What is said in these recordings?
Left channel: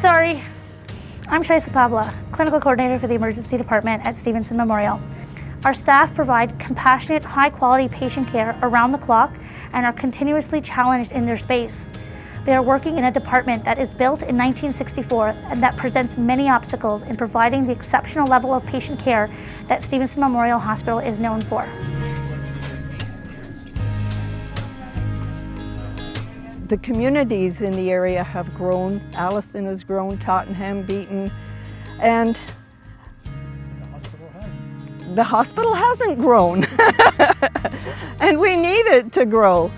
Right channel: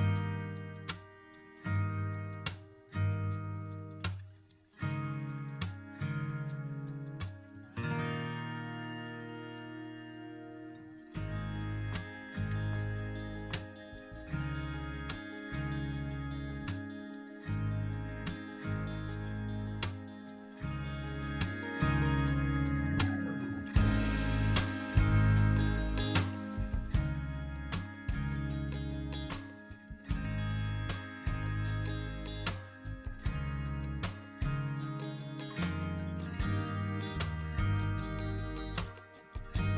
sorry. I'm Tracy Pabla, Clinical Coordinator for the Emergency Department at Stevenson Memorial. Our staff provide compassionate, high-quality patient care around the clock and are continuously challenged in their space. They are working in a department that is built in 1964 and that presents many obstacles in providing the exceptional level of patient care that Stevenson Memorial Hospital is known for. The communities in the area have grown. Alliston has grown, Tottenham, Beaton, and the hospital hasn't grown. And we need it to grow.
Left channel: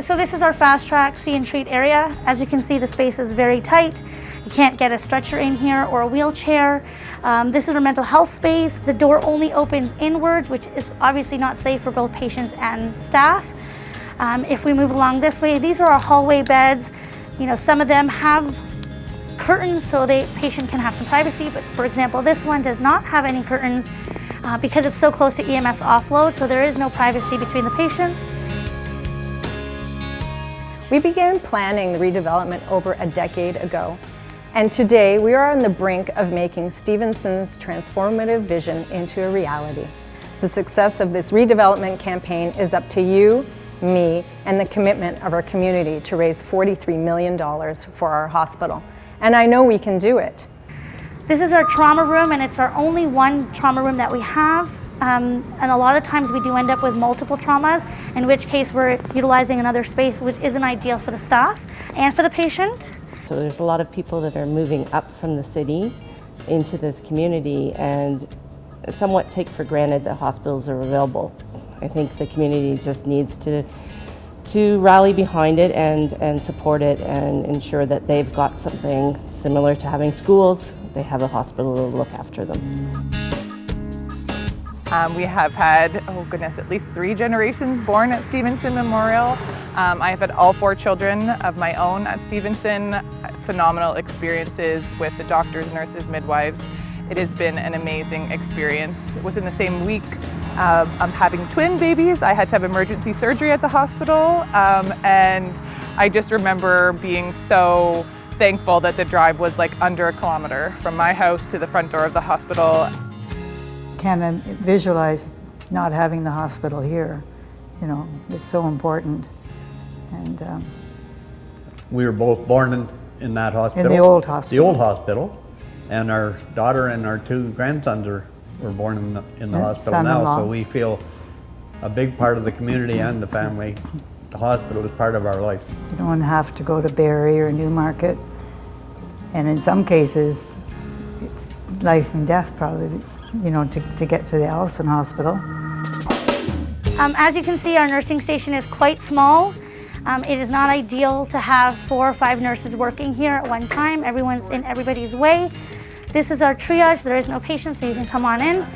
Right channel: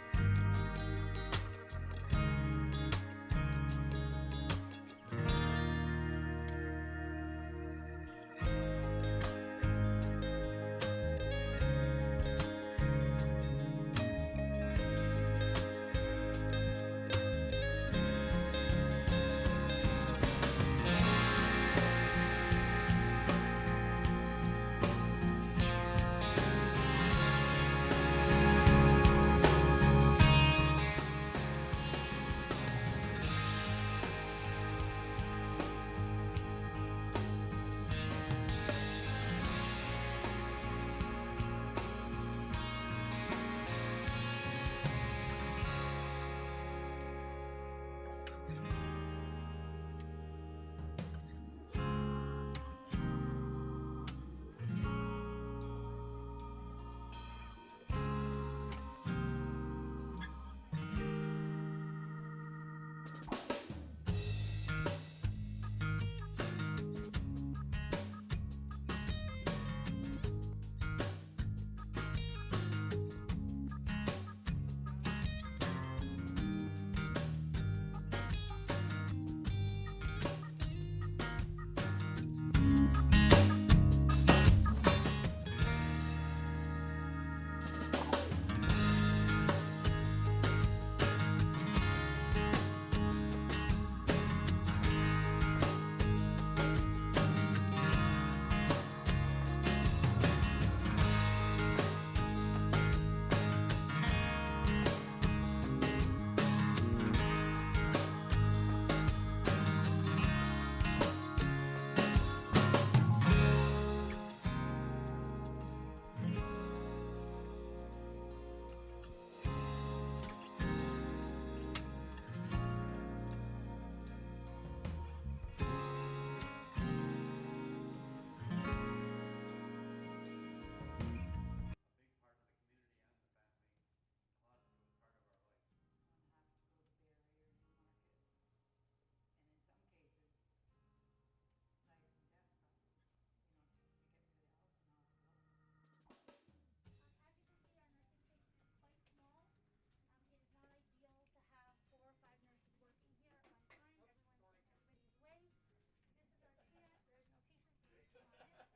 So this is our fast track see and treat area. As you can see, the space is very tight. You can't get a stretcher in here or a wheelchair. This is our mental health space. The door only opens inwards, which is obviously not safe for both patients and staff. If we move along this way, these are our hallway beds. You know, some of them have curtains so the patient can have some privacy, but for example, this one does not have any curtains because it's so close to EMS offload, so there is no privacy between the patients. We began planning the redevelopment over a decade ago, and today we are on the brink of making Stevenson's transformative vision into a reality. The success of this redevelopment campaign is up to you, me, and the commitment of our community to raise $43 million for our hospital. And I know we can do it. This is our trauma room, and it's our only one trauma room that we have. And a lot of times we do end up with multiple traumas, in which case we're utilizing another space, which isn't ideal for the staff and for the patient. So there's a lot of people that are moving up from the city into this community and somewhat take for granted that hospitals are available. I think the community just needs to rally behind it and support it and ensure that they've got something similar to having schools. They have a hospital to look after them. We have had, oh goodness, at least 3 generations born at Stevenson Memorial. I have had all 4 children of my own at Stevenson. Phenomenal experiences with the doctors, nurses, midwives. It has been an amazing experience. Within the same week, I'm having twin babies. I had to have emergency surgery at the hospital, and I just remember being so thankful that the drive was like under a kilometer from my house to the front door of the hospital. Can't visualize not having the hospital here. You know, it's so important. And we were both born in that hospital. in the old hospital. The old hospital. And our daughter and our 2 grandsons were born in the hospital now, so we feel a big part of the community and the family. The hospital is part of our life. You don't have to go to Barrie or Newmarket. And in some cases, it's life and death probably, you know, to get to the Alliston Hospital. As you can see, our nursing station is quite small. It is not ideal to have 4 or 5 nurses working here at one time. Everyone's in everybody's way. This is our triage. There is no patient, so you can come on in.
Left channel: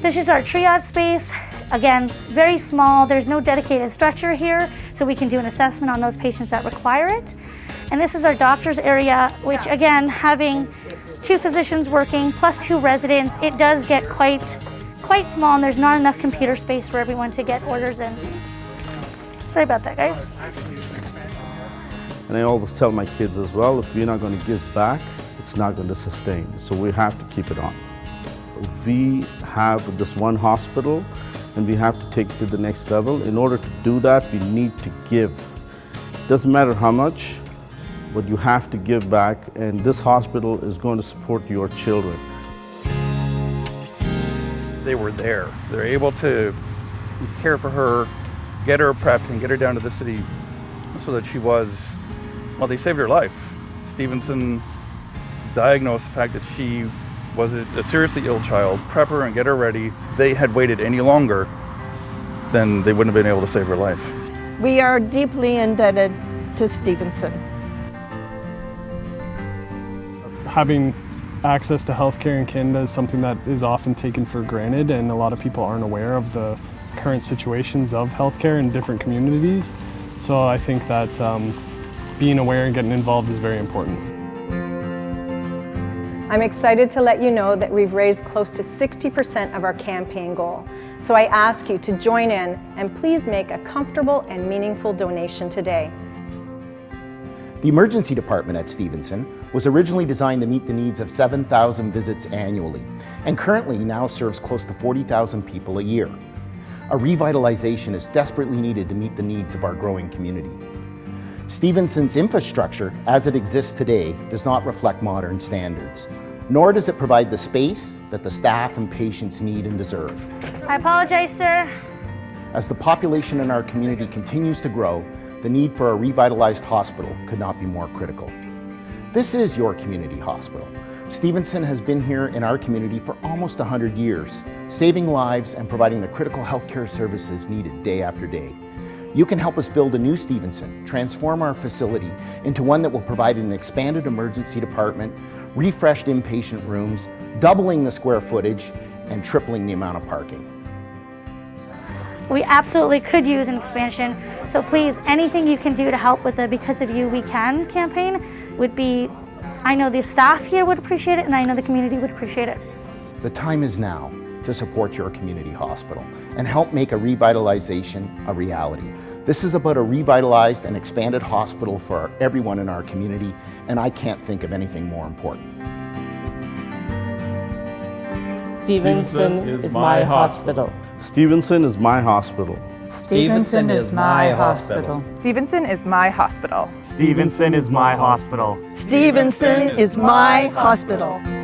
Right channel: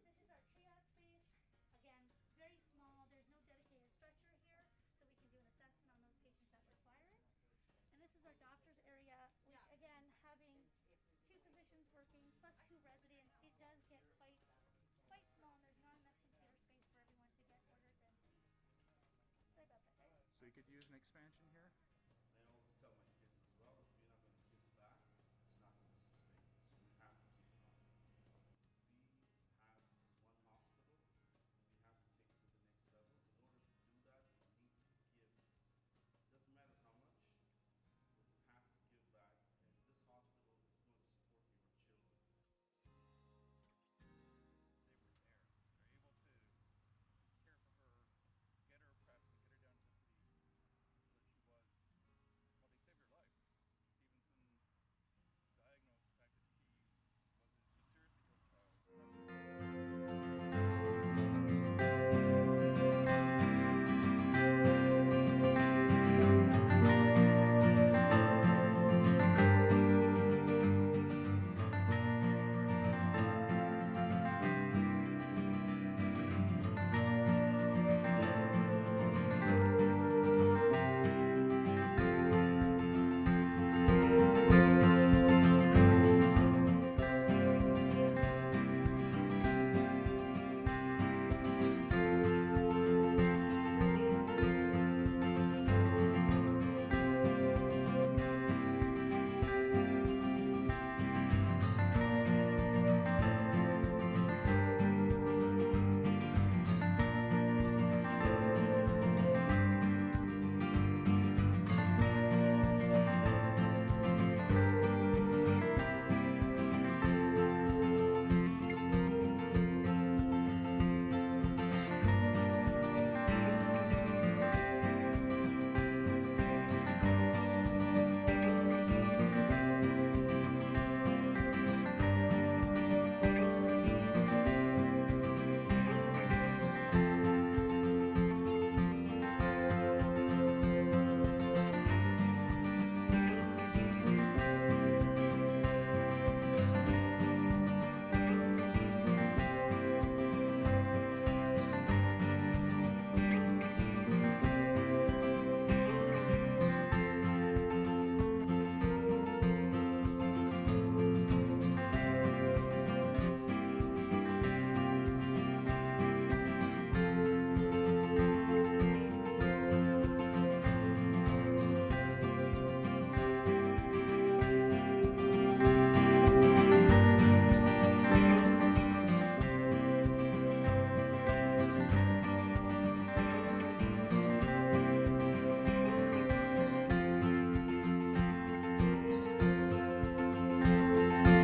This is our triage space. Again, very small. There's no dedicated stretcher here, so we can do an assessment on those patients that require it. And this is our doctor's area, which again, having 2 physicians working plus 2 residents, it does get quite small, and there's not enough computer space for everyone to get orders in. Sorry about that, guys. And I always tell my kids as well, if we're not going to give back, it's not going to sustain. So we have to keep it on. We have this one hospital, and we have to take it to the next level. In order to do that, we need to give. Doesn't matter how much, but you have to give back, and this hospital is going to support your children. They were there. They're able to care for her, get her prepped, and get her down to the city so that she was, well, they saved her life. Stevenson diagnosed the fact that she was a seriously ill child, prep her and get her ready. If they had waited any longer, then they wouldn't have been able to save her life. We are deeply indebted to Stevenson. Having access to healthcare in Canada is something that is often taken for granted, and a lot of people aren't aware of the current situations of healthcare in different communities. So I think that being aware and getting involved is very important. I'm excited to let you know that we've raised close to 60% of our campaign goal. So I ask you to join in and please make a comfortable and meaningful donation today. The emergency department at Stevenson was originally designed to meet the needs of 7,000 visits annually, and currently now serves close to 40,000 people a year. A revitalization is desperately needed to meet the needs of our growing community. Stevenson's infrastructure, as it exists today, does not reflect modern standards, nor does it provide the space that the staff and patients need and deserve. I apologize, sir. As the population in our community continues to grow, the need for a revitalized hospital could not be more critical. This is your community hospital. Stevenson has been here in our community for almost 100 years, saving lives and providing the critical healthcare services needed day after day. You can help us build a new Stevenson, transform our facility into one that will provide an expanded emergency department, refreshed inpatient rooms, doubling the square footage, and tripling the amount of parking. We absolutely could use an expansion, so please, anything you can do to help with the Because of You We Can campaign would be, I know the staff here would appreciate it, and I know the community would appreciate it. The time is now to support your community hospital and help make a revitalization a reality. This is about a revitalized and expanded hospital for everyone in our community, and I can't think of anything more important. Stevenson is my hospital. Stevenson is my hospital. Stevenson is my hospital. Stevenson is my hospital. Stevenson is my hospital. Stevenson is my hospital.